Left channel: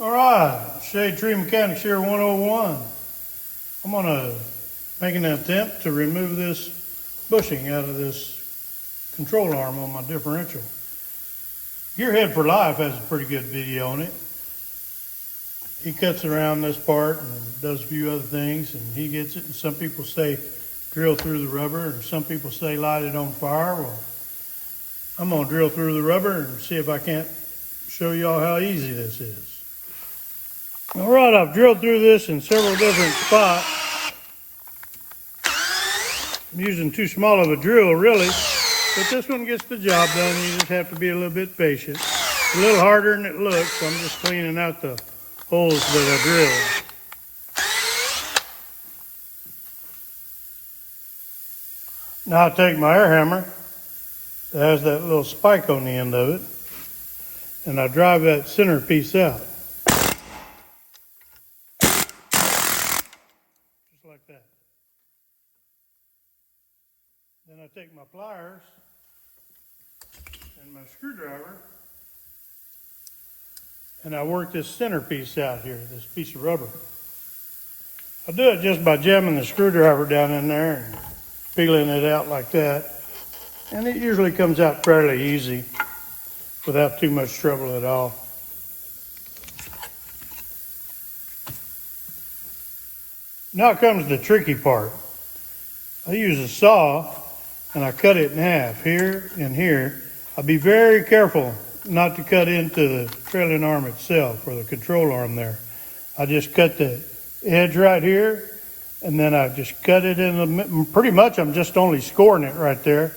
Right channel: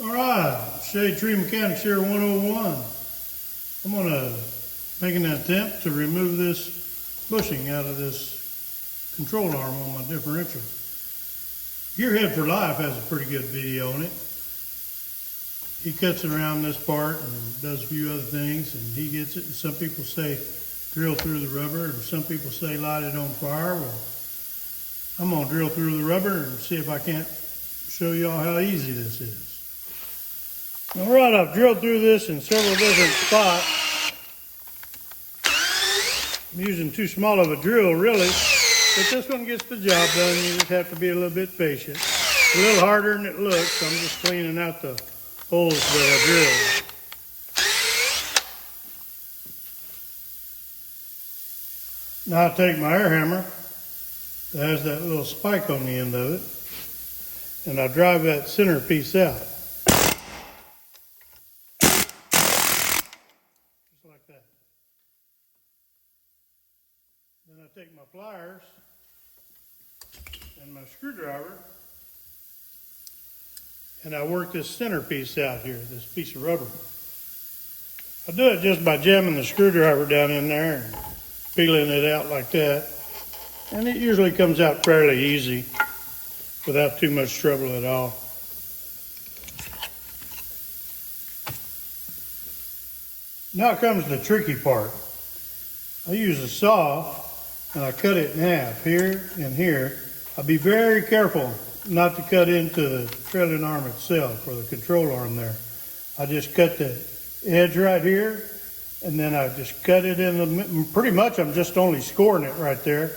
All right, Shade Tree Mechanics here 101. I'm gonna make an attempt to remove this bushing out of this control arm on my differential. Gearhead for Life has a pretty good video on it. He cuts around this part and does a few other things, and he gets it. And some people say drill through the rubber, and some people say light it on fire. Well, I'm gonna drill through the rubber and see if I can't show y'all how easy this is. All right, I've drilled through this in several different spots. I'm using too small of a drill, really, but this one gets the job done. You just have to be a little bit patient. It's a little harder than it looks. I'm just cleaning out the holes that I drilled. Now I take my air hammer that has that little spike on the end of it, and I drive that center piece out. Like that. Then I take my pliers and my screwdriver and I work this center piece out here, this piece of rubber. I do it just by jamming the screwdriver down in there and peeling it out like that. And it usually comes out fairly easy without too much trouble at all. Now comes the tricky part. I use a saw and I cut it in half here and here. I'll be very careful not to cut into the trailing arm itself or the control arm there. I just cut the edge right here and then I just cut it in the, pretty much I'm just only scoring it right there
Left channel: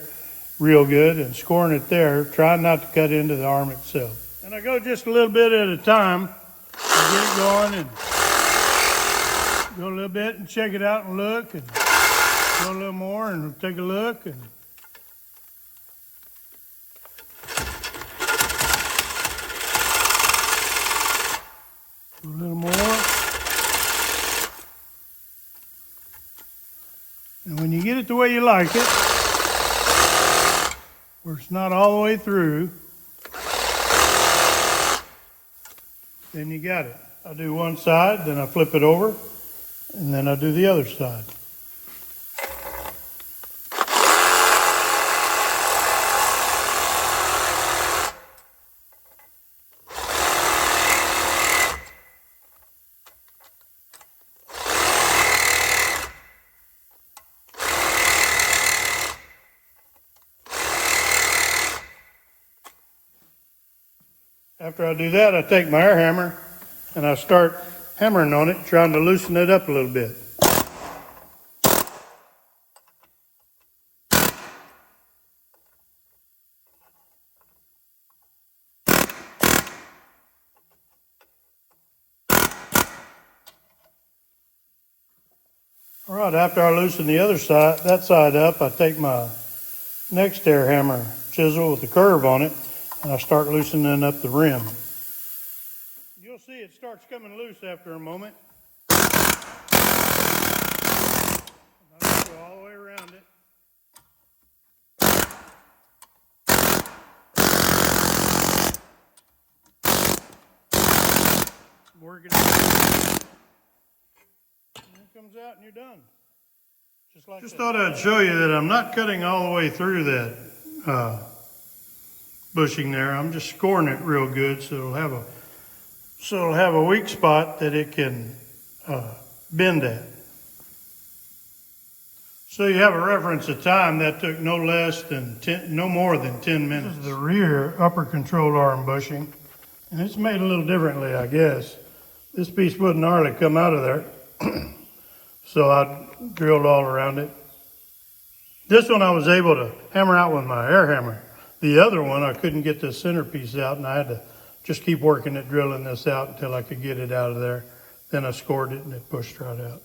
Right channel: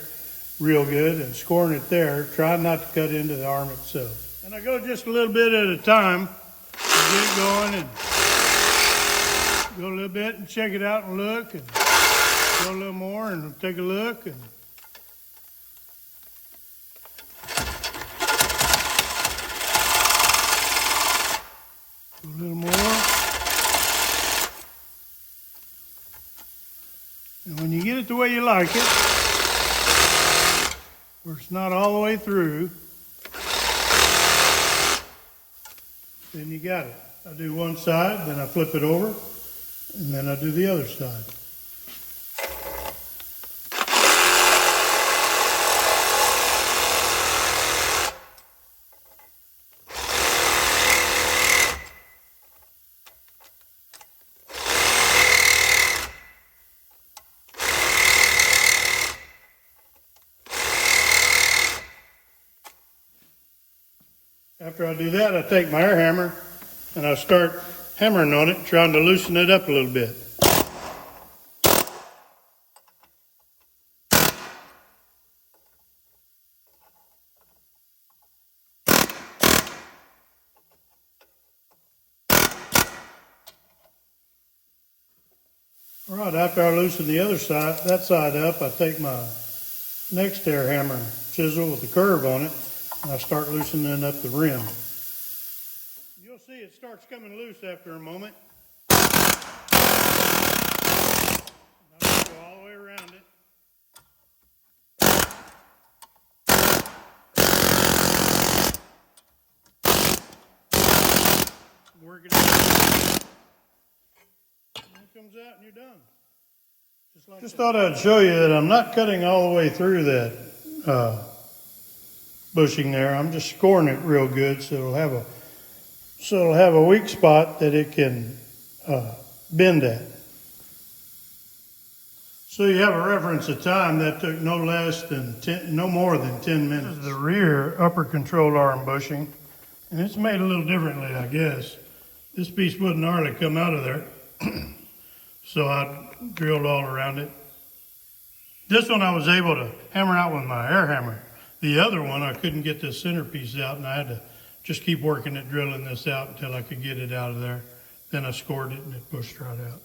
real good and scoring it there, trying not to cut into the arm itself. And I go just a little bit at a time, I get going and go a little bit and check it out and look, and go a little more and take a look, and a little more. And when you get it the way you like it, where it's not all the way through, then you got it. I do one side, then I flip it over, and then I do the other side. After I do that, I take my air hammer and I start hammering on it, trying to loosen it up a little bit. All right, after I loosen the other side, that side up, I take my next air hammer chisel with the curve on it, and I start loosening up the rim. You'll see it starts coming loose after a moment. And I go all the way around it. Work it out. And it comes out and you're done. Just like that. Thought I'd show you that I'm not cutting all the way through that bushing there. I'm just scoring it real good so it'll have a weak spot that it can bend at. So you have a reference of time that took no more than 10 minutes. This is the rear upper control arm bushing, and it's made a little differently, I guess. This piece wouldn't hardly come out of there, so I drilled all around it. This one I was able to hammer out with my air hammer. The other one, I couldn't get the center piece out, and I had to just keep working at drilling this out until I could get it out of there. Then I scored it, and it pushed right out.